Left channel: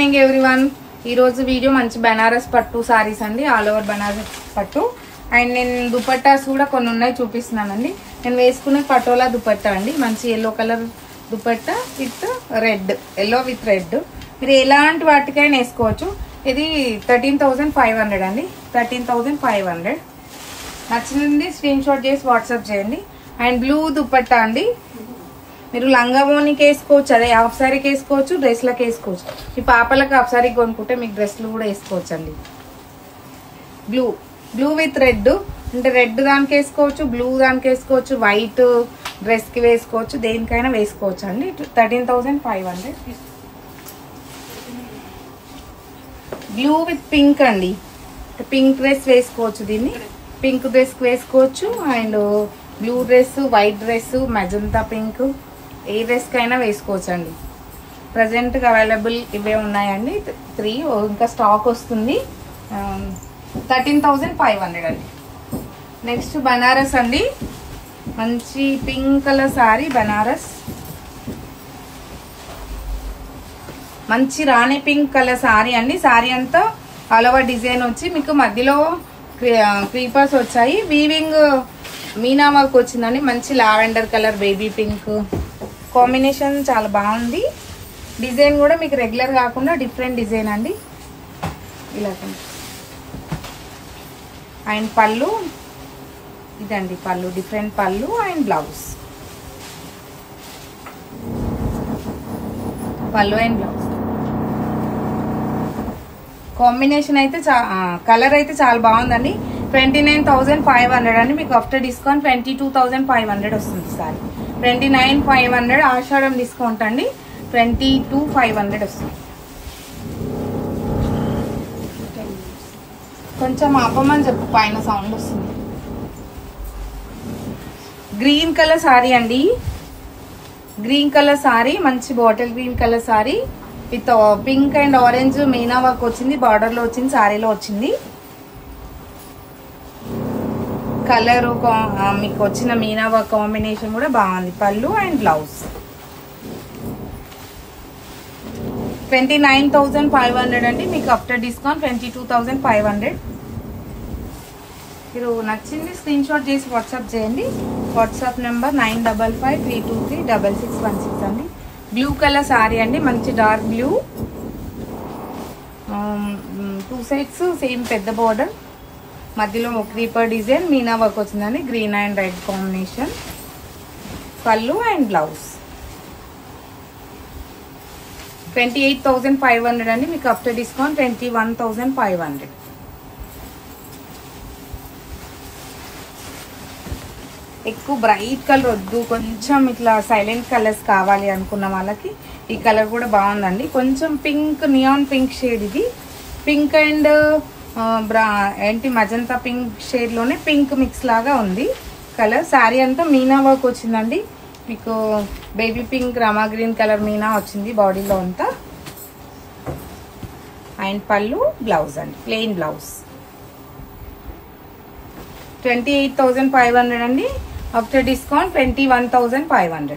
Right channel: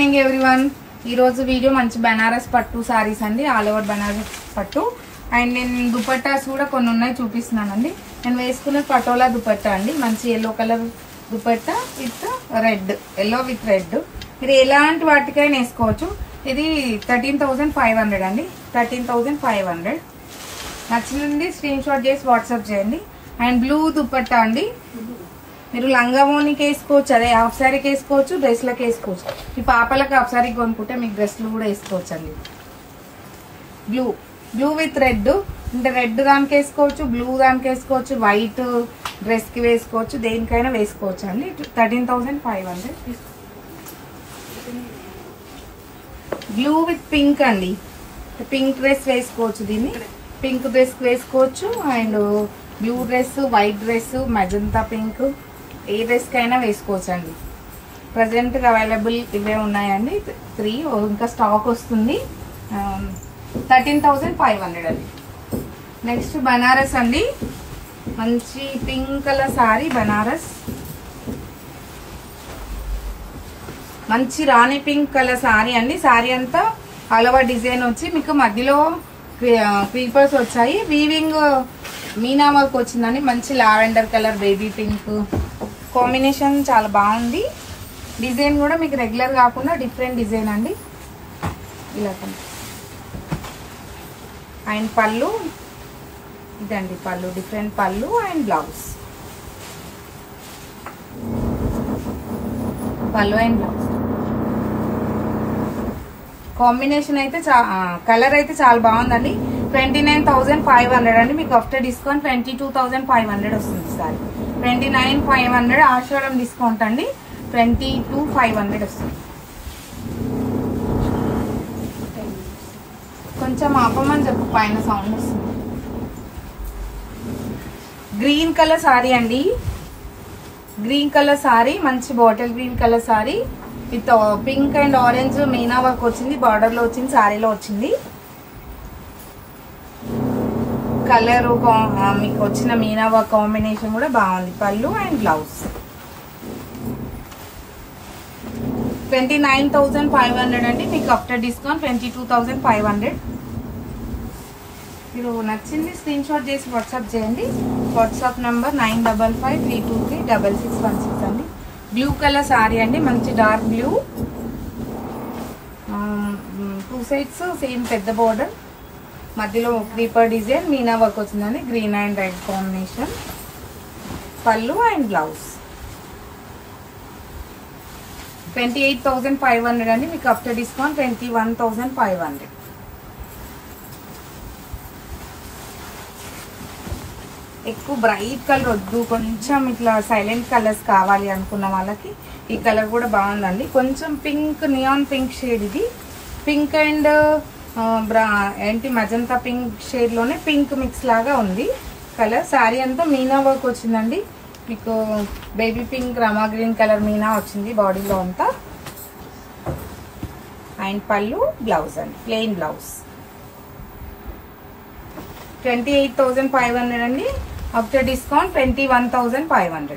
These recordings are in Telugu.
Morning everyone. ఈ రోజు వీడియో మంచి బనారస్ పట్టు సారీస్ అండి, ఆల్ ఓవర్ బనారస్ పట్టు. అండ్ నేను దుపట్టాస్ కూడా కొన్ని ఉన్నాయి చూపిస్తున్నానండి. నేను వేసుకున్న పటోలా దుపట్టా అండి, మంచి yellow colour dupatta with red, yellow with red. మీరు ఎలాంటి వాటికైనా వేసుకోవచ్చు. ఇది 13,500 అండి, 13,500. నచ్చినండి స్క్రీన్ షాట్ చేసి వాట్సాప్ చేయండి. అండ్ బ్లూ దుపట్టా అండి, మీరు లంగా ఓనికి వేసుకోవచ్చు, అదే హాఫ్ సారీకి వేసుకోవచ్చు, డ్రెస్లకు వేసుకోవచ్చు. ఈ పాపలకు హాఫ్ సారీ కొనుక్కుంటే మీకు డ్రెస్లు కూడా వేసుకోవచ్చు అండి. బ్లూ బ్లూ విత్ రెడ్, అంటే రెడ్ దానికి వేసుకోవచ్చు, బ్లూ దానికి వేసుకోవచ్చు, వైట్ డ్రెస్ కి వేసుకోవచ్చు, దేనికైనా వేసుకోవచ్చు అండి. 13,500. బ్లూ విత్ పింక్ అండి, పింక్ డ్రెస్ వేసుకోవచ్చు, దీన్ని పింక్ డ్రెస్ కి వేసుకోవచ్చు. And blue dress, white dress, magenta pink, A dress కైనా వేసుకోవచ్చు అండి. ప్రజెంట్ అవైలబుల్ ఇవే ఉన్నాయండి, 3 ఇంకా స్టాక్ వస్తుంది. 13,500 అండి. నెక్స్ట్ బనారస్ అండి, మంచి పింక్ కలర్ సారీ బనారస్, మంచి రాణి పింక్ కలర్ సారీ అండి. సారీ అంతా ఆల్ ఓవర్ డిజైన్ వచ్చి మీకు మధ్యలో క్రీపర్స్ వచ్చాయి, వీవింగ్ మీనా వర్క్ వచ్చిందండి. మంచి lavender colour, baby pink combination చాలా బాగుంది. డిజైన్ కూడా మీకు రెగ్యులర్ కాకుండా డిఫరెంట్ డిజైన్ అండి, ఇలా. అండ్ పళ్ళు ఇదండి, పళ్ళు డిఫరెంట్ పళ్ళు. అండ్ బ్లౌజ్, పళ్ళు అండ్ బ్లౌజ్ కాంబినేషన్ అయితే కలర్ అయితే చాలా బాగుందండి. 29,500 అండి, మీకు ఆఫ్టర్ డిస్కౌంట్ 22,500 వస్తుంది సార్. 29,500 ఆషాఢం డిస్కౌంట్ అండి, 22,500 వస్తుంది. కొంచెం ఆపమని చెప్పు, పైన సౌండ్ వస్తుంది. గ్రీన్ కలర్ సారీ అండి, గ్రీన్ కలర్ సారీ, మంచి bottle green colour sorry with pink and orange Meena work వచ్చింది, బార్డర్ లో వచ్చింది, సారీలో వచ్చింది. కలర్ మీకు వచ్చిన మీనా వర్క్ కాంబినేషన్ కూడా బాగుంది. పళ్ళు అండ్ బ్లౌజ్. 29,500 అండి, మీకు ఆఫ్టర్ డిస్కౌంట్ 22,500. మీరు నచ్చింది స్క్రీన్ షాట్ చేసి వాట్సాప్ చేయండి. వాట్సాప్ నెంబర్ 9553236616 అండి. బ్లూ కలర్ సారీ అండి, మంచి డార్క్ బ్లూ, 2 సైడ్స్ సేమ్ పెద్ద బార్డర్, మధ్యలో క్రీపర్ డిజైన్, మీనా వర్క్ వచ్చిందండి, గ్రీన్ అండ్ రెడ్ కాంబినేషన్. పళ్ళు అండ్ బ్లౌజ్. 28,500 అండి, మీకు ఆఫ్టర్ డిస్కౌంట్ 21,500. ఎక్కువ బ్రైట్ కలర్ వద్దు, కొంచెం ఇట్లా సైలెంట్ కలర్స్ కావాలి అనుకున్న వాళ్ళకి ఈ కలర్ కూడా బాగుందండి. కొంచెం పింక్, నియాన్ పింక్ షేడ్ ఇది. పింక్ అండ్ ఏంటి మజంతా పింక్ షేడ్ లోనే పింక్ మిక్స్ లాగా ఉంది కలర్. శారీ అంతా మీనా వర్క్ వచ్చిందండి, మీకు బేబీ పింక్, రమా గ్రీన్ కలర్ మీనా వచ్చింది బాడీలో అంతా. అండ్ పళ్ళు, బ్లౌజ్ అండి, ప్లెయిన్ బ్లౌజ్. 28,500 అండి, ఆఫ్టర్ డిస్కౌంట్ 21,500.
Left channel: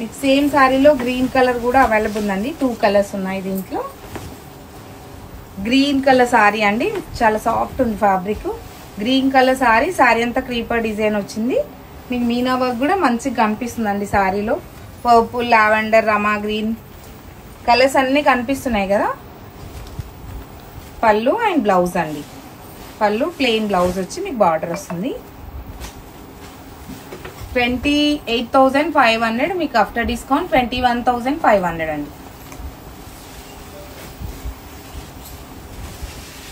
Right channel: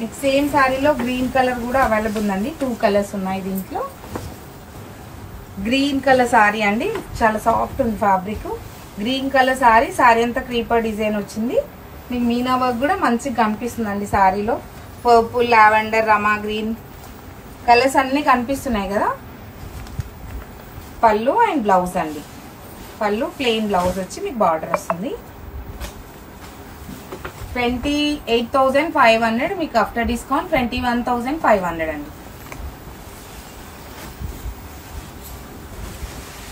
మీకు సేమ్ శారీలో గ్రీన్ కలర్ కూడా అవైలబుల్ ఉందండి, 2 కలర్స్ ఉన్నాయి దీంట్లో. గ్రీన్ కలర్ సారీ అండి, చాలా సాఫ్ట్ ఉంది fabric. Green colour sorry, sorry అంతా క్రీపర్ డిజైన్ వచ్చింది. మీకు మీనా వర్క్ కూడా మంచిగా కనిపిస్తుందండి సారీలో. పర్పుల్, లావెండర్, రమా గ్రీన్ కలర్స్ అన్ని కనిపిస్తున్నాయి కదా. పళ్ళు అండ్ బ్లౌజ్ అండి, పళ్ళు ప్లెయిన్ బ్లౌజ్ వచ్చి మీకు బార్డర్ వస్తుంది. 28,500, మీకు ఆఫ్టర్ డిస్కౌంట్ 21,500 అండి.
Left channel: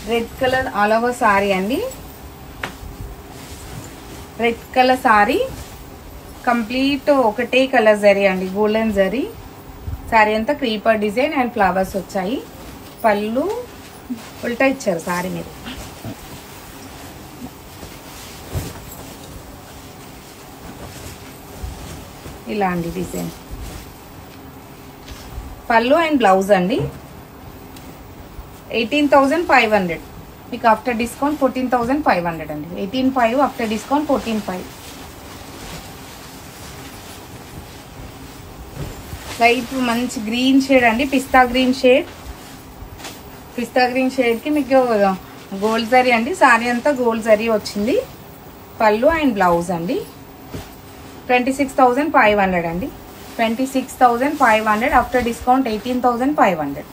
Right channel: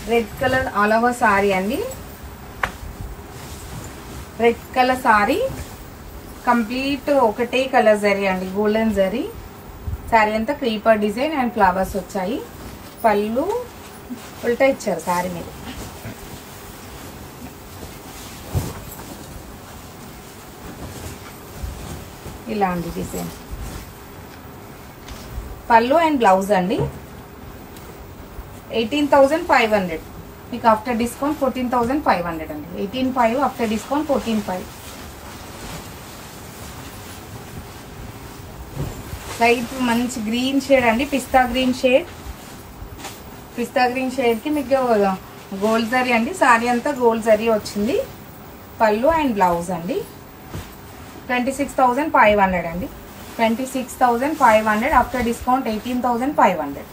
Red colour all over sorry అండి, రెడ్ కలర్ సారీ కంప్లీట్ ఒకటే కలర్ జరీ అండి, గోల్డెన్ జరీ. సారీ అంతా క్రీపర్ డిజైన్ అండ్ ఫ్లవర్స్ వచ్చాయి. పళ్ళు ఉల్టా ఇచ్చారు సారీ మీద. ఇలాంటి డిజైన్. పళ్ళు అండ్ బ్లౌజ్ అండి. 18,500, మీకు ఆఫ్టర్ డిస్కౌంట్ 14,500 అండి. 18,500 ఆఫ్టర్ డిస్కౌంట్ 14,500. లైట్ మంచి గ్రీన్ షేడ్ అండి, పిస్తా గ్రీన్ షేడ్. పిస్తా గ్రీన్ షేడ్ కి మీకు గోల్డ్ జరీ అండి. సారీ అంతా గోల్డ్ జరీ వచ్చింది. పళ్ళు అండ్ బ్లౌజ్ అండి. 26,500 అండి. 26,500 ఆఫ్టర్ డిస్కౌంట్ 18,500.